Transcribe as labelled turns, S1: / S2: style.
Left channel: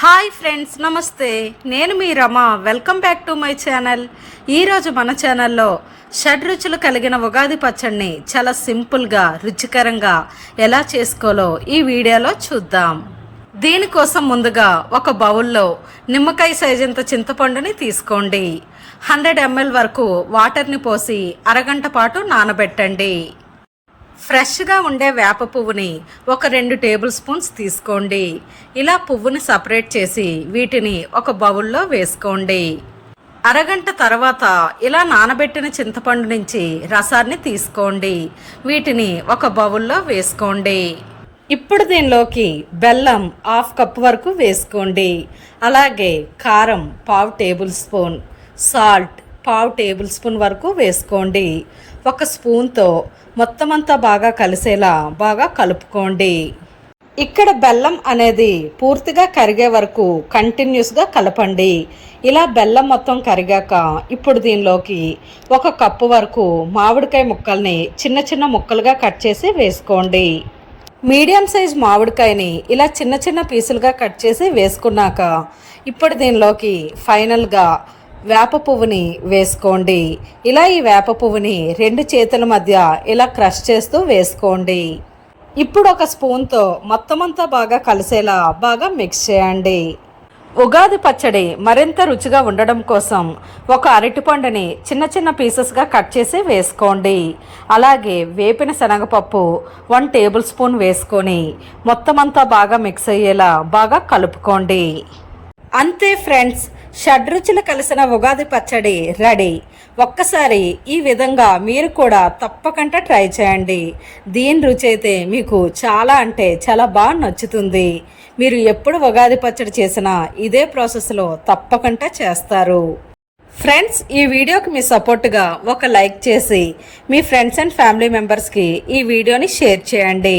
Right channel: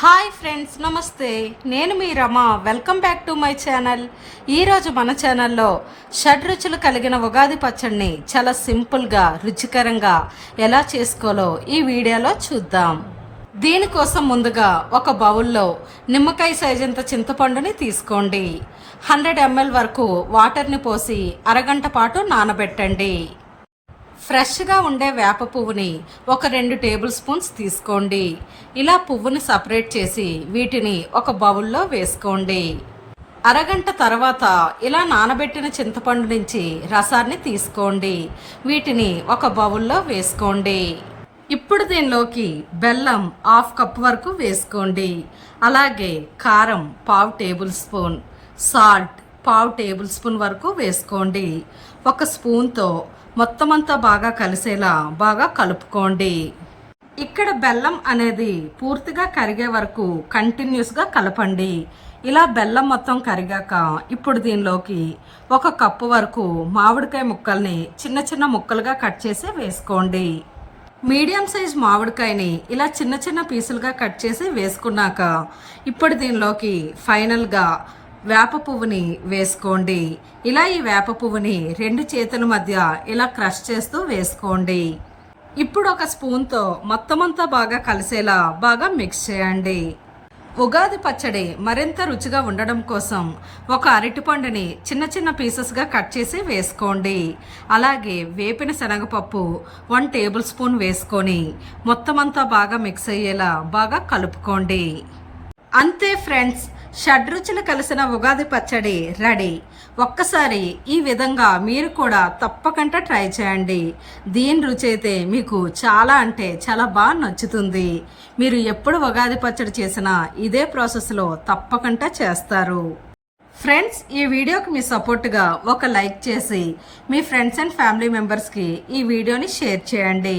S1: Hi friends నమస్తే. నేను మీ Rama. Welcome back to my channel. ఈరోజు మన ఛానల్లో షడ్ రుచులు కలిగిన ఉగాది పచ్చడిని చాలా సింపుల్గా రుచికరంగా ఎలా చేసుకోవాలో ఈ వీడియోలో చూద్దాం. దీనికోసం ముందుగా ఒక బౌల్లో నిమ్మకాయ సైజంత చింతపండుని తీసుకోండి. హండ్రెడ్ ఎంఎల్ వరకు వాటర్ని పోసి అరగంట పాటు నానబెట్టండి. ఫ్రెష్గా ఉండే వేప పువ్వుని ఒక రెండు టేబుల్ స్పూన్స్ తీసుకోండి. ఇలా పువ్వుని సపరేట్ చేసి వీటిని ఒక బౌల్లో వేసుకోండి. అరగంట తర్వాత ఇలా నానబెట్టిన చింతపండు నుంచి రసాన్ని తీసుకోండి. వీటిని ఒక బౌల్లో వేసుకోండి. ఇప్పుడు దీనిలోకి బెల్లం హాఫ్ కప్ వరకు వేసుకోండి. అలాగే కారం పావు టేబుల్ స్పూన్ సాల్ట్ పావు టేబుల్ స్పూన్ వరకు వేసుకోండి. ఒక స్పూన్తో మొత్తం అంతా బాగా కలిసేలా బాగా కలుపుకోండి. ఇక్కడ బెల్లం అనేది పూర్తిగా కరిగే వరకు కంటిన్యూస్గా కలపండి. ఇలా బెల్లం మొత్తం కరిగాక ఇప్పుడు దీనిలోకి ఒక కప్పు వరకు మామిడికాయ ముక్కల్ని చిన్న చిన్న ముక్కలుగా కట్ చేసి వేసుకోండి. మీడియం సైజ్ మామిడికాయని ఇలా చిన్న చిన్న పీసులుగా కట్ చేసి వేసుకున్నాక ఇప్పుడు దీనిలోకి ఫైనల్గా వేప పువ్వుని వేసుకోండి. ఇలా ఈ వేప పువ్వుని రెండు చేతుల మధ్య ఇలా క్రష్ చేస్తూ వేసుకోండి. ఇప్పుడు ఒక స్పూన్తో మొత్తం అంతా బాగా కలిసేలా బాగా మిక్స్ చేయండి. ఉగాది పచ్చడి మరింత రుచిగా ఉండడం కోసం ఒక అరటిపండుని చిన్న చిన్న పీసెస్గా కట్ చేసి వేసుకోండి. అలాగే వేపిన శనగపప్పు వన్ టేబుల్ స్పూన్ వేసుకొని మొత్తం అంతా బాగా మిక్స్ అయ్యేలా బాగా కలుపుకోండి. అంతే ఫ్రెండ్స్ షడ్రుచులు కలిసిన ఉగాది పచ్చడి రెడీ. ఒక్కసారి ఈ విధంగా మీరు కూడా తప్పకుండా ట్రై చేయండి. దీని రుచి అయితే మీకు చాలా అంటే చాలా బాగా నచ్చుతుంది. మీరు ఎప్పుడు ఉగాది పచ్చడి చేసినా ఇదే ప్రాసెస్లో తప్పకుండా చేస్తారు. ఫ్రెండ్స్ ఈ వీడియోకి మీ సపోర్ట్గా ఒక లైక్ చేసి మీ ఫ్రెండ్స్ అండ్ ఫ్యామిలీ మెంబర్స్కి ఈ వీడియోని షేర్ చేయండి.